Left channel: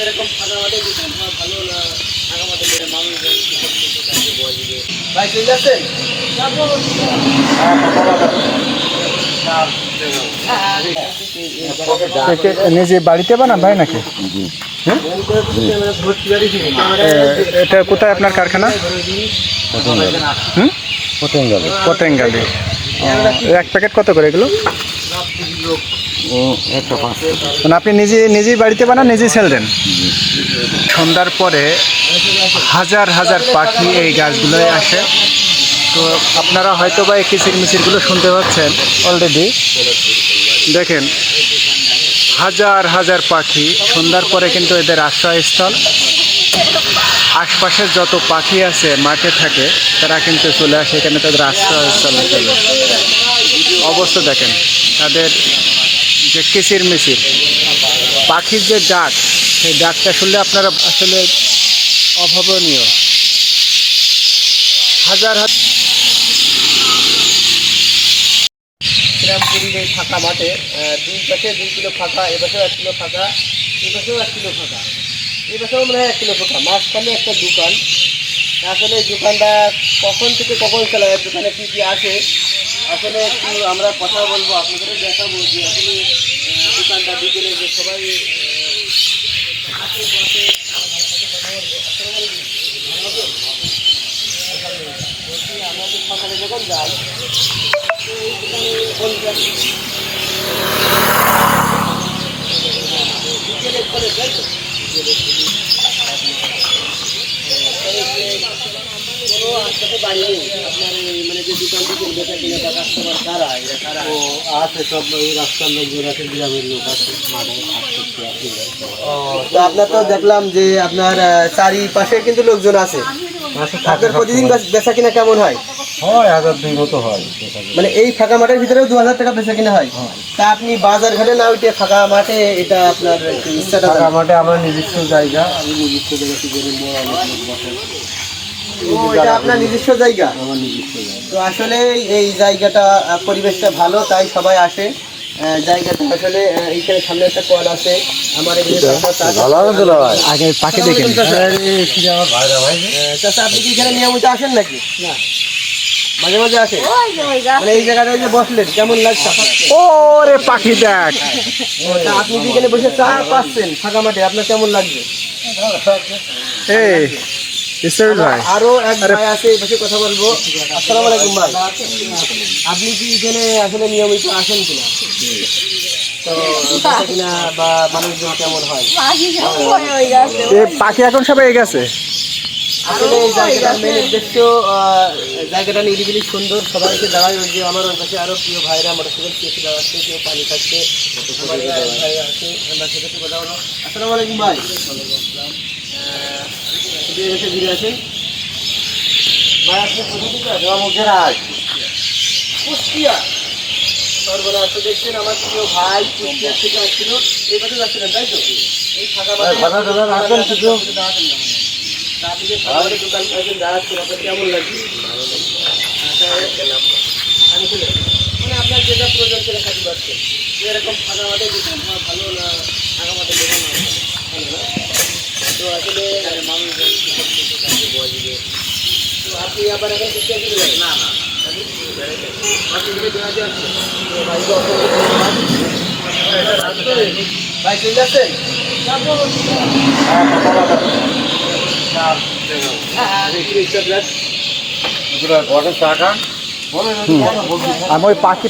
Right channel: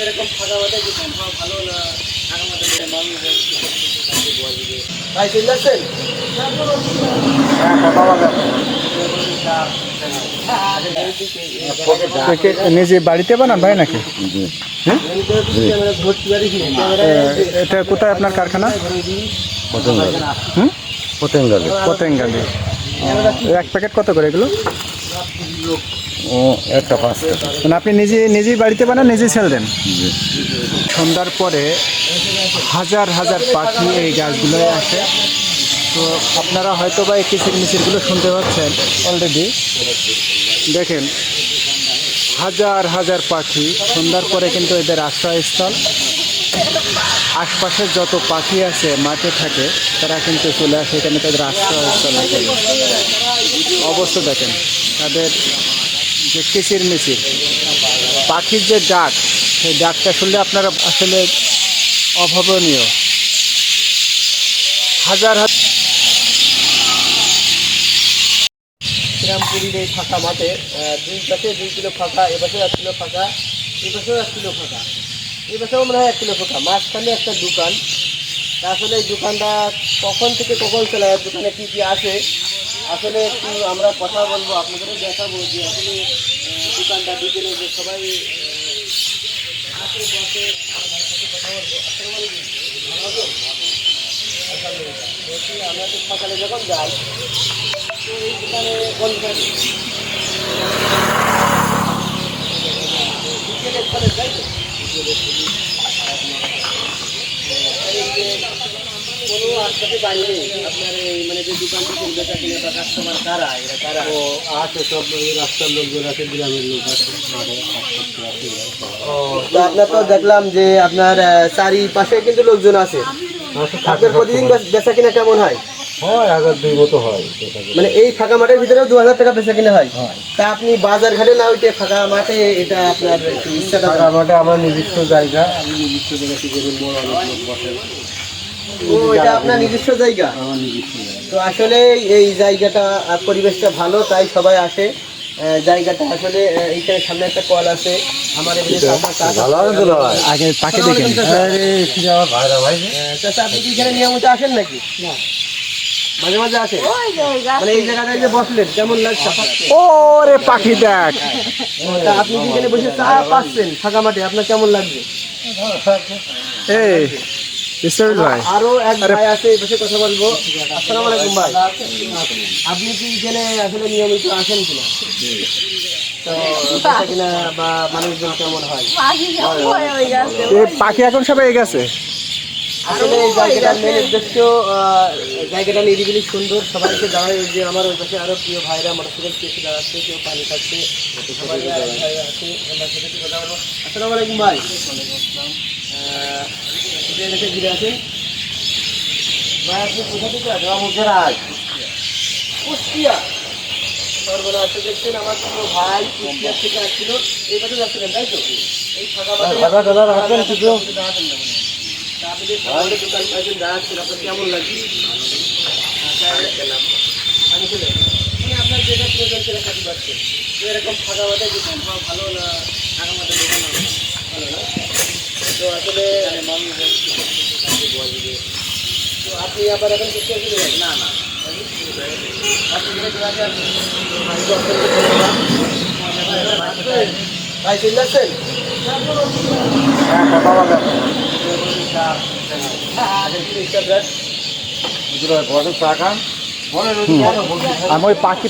এরকম ফাঁকা মাঠে দিতাম ভালো না, ফাঁকা মাঠে দিলে মানুষ ভাই চলে আসছেন। নিজে বাড়িতে বানান ভাই নাকি? এটা কোথায় আপনার কারখানা? পতেঙ্গালি। এক প্যাকেট কত করে এগুলো? একটা 5 টাকা। মানে আপনি নিজেই বাড়িতে বানান, নিজেই সেল দেন? সন্ধ্যার পরে হাজার হাজার পাখি এই গাছগুলোয় আসে। তো আপনারা হয়তো বা এই কিচিরমিচিরগুলো শুনতে পাচ্ছেন অলরেডি। দেখেন হাজার হাজার পাখি সন্ধ্যার পরে কিন্তু এদের আশ্রয়স্থল। আশপাশের যত পাখি আছে মাঠে থাকে তারা কিন্তু চলে আসে এখানে তাদের আশ্রয়স্থলে চলে আসে। অবস্থা দেখেন তাদের যে কিচিরমিচির, পাখির যে ডাক, সেই ডাকটা শুনলে আপনারা আসলে অভাবনীয়। হাজার হাজার শ্রীরামপুরীর এই ফাঁকা মাঠে দুই পাশে 2 কিলো ফাঁকা, এ পাশেও 1 কিলো ফাঁকা, এই পাশেও 1 কিলো ফাঁকা, এই পাশেও মনে হয় 1 কিলো ফাঁকা, মাঝখানে একটা দোকান। আসলে এই দোকানটা কখন থেকে কখন চলে যায়, দোকানে কী কী আসে আসলে একটু আমরা কথা বলবো, আপনাদেরও দেখাবো যে আসলে দোকানটা বিকেলে যে সবাই আসে বসে কথা বলবো। বলছি আমরা তো সকালে যখন যাই এই দোকানে বন্ধ থাকে, বিকেলে খোলে তাই তো? কোনো আশপাশে দাঁড়িয়ে আপনার মানে যে দোকান থেকে বেচা কিনে বা কাস্টমার কারা, এরা কারা? ও আছে সব রাস্তার লোকজন আছে, গ্রামের লোক আছে। তো আপনার তো দেখলাম যে আপনার চারিপাশে কিন্তু লোকজন আছে। আপনার প্রতিদিন বেচা কিনা কেমন হয়? হয় 1002 মতো হয়। মানে এই ফাঁকা মাঠের ভিতরেও 2000 টাকা বেচা কিনা হয়? তা আপনি বাজার ঘাটে না উঠে ফাঁকা মাঠে, এটা আপনার ইচ্ছাটা? ফাঁকা মাঠে আমার নিজস্ব জায়গা, আমি নিজস্ব জায়গা থেকে বড় অনেক লোক বসে। ও, এটা আপনার নিজস্ব জায়গা? আমার নিজস্ব জায়গা। তো আসলে এই জায়গাটা পরিবেশটা ভালো, তাই সবাই আসে। জায়গাটা আসলে এইখানে সামনে একটা কল আছে আমার আগে পাখি দেখেন। আমার ভাইরা ভাই চাচা, আপনি কি এখানে নিয়মিত আসেন নাকি? না, মাঝে মাঝে আসেন। মানে এই জায়গাটায় যে বসলেন কেমন লাগছে? ওরে পাখি দেখ। তা আপনি কি এখানে বসে চা পাচ্ছেন ফাঁকা মাঠে, আপনার কেমন লাগছে? এই ইসরাইল ভাই, আরো এক ভাই আছে, এই বসে কথা বলবো। আসসালামু আলাইকুম ভাই, আপনি কি এখানে আসলে নিয়মিত আসেন কিনা? তো বেচা কিনা বা মানুষজন কেমন হয়? এই পাখি এখন সব এই গেছে। আসলে এই জায়গাটার মেন উদ্দেশ্য, জায়গাটা নিরিবিলি সুন্দর, সবাইকে দাঁড়ায়। ওই যে আমার ওই পাশে আরো প্রিয় ভাইরা মোটরসাইকেল চেপে দাঁড়াচ্ছে, কেউ পানি খাচ্ছে। আসসালামু আলাইকুম ভাই, ঘুরে আসেন ভাই। আপনি কোথা থেকে আসেন? কুষ্টিয়া। সর্বনাশ, তো দেখছেন আমার প্রিয় ভাই কুষ্টিয়া থেকে আসছিল, এই পাশে যাচ্ছিলেন তাই তো? এই ফাঁকা মাঠে দাঁড়াতেন না মনে হয়। আপনি যে খাবারের দোকান পাইছেন, দাঁড়াচ্ছেন, আপনার কেমন লাগছে? মানে আপনার যেটা প্রয়োজন সেটা খাতে পারছেন। এরকম ফাঁকা মাঠে দিতাম ভালো না, ফাঁকা মাঠে দোকান ভালো না? তো আসলে মানুষজন বসবে। তো আপনি আবার এখন করতে আসবেন? না না, ভাই চলে আসছেন। চা খান। আমি ওই পাখি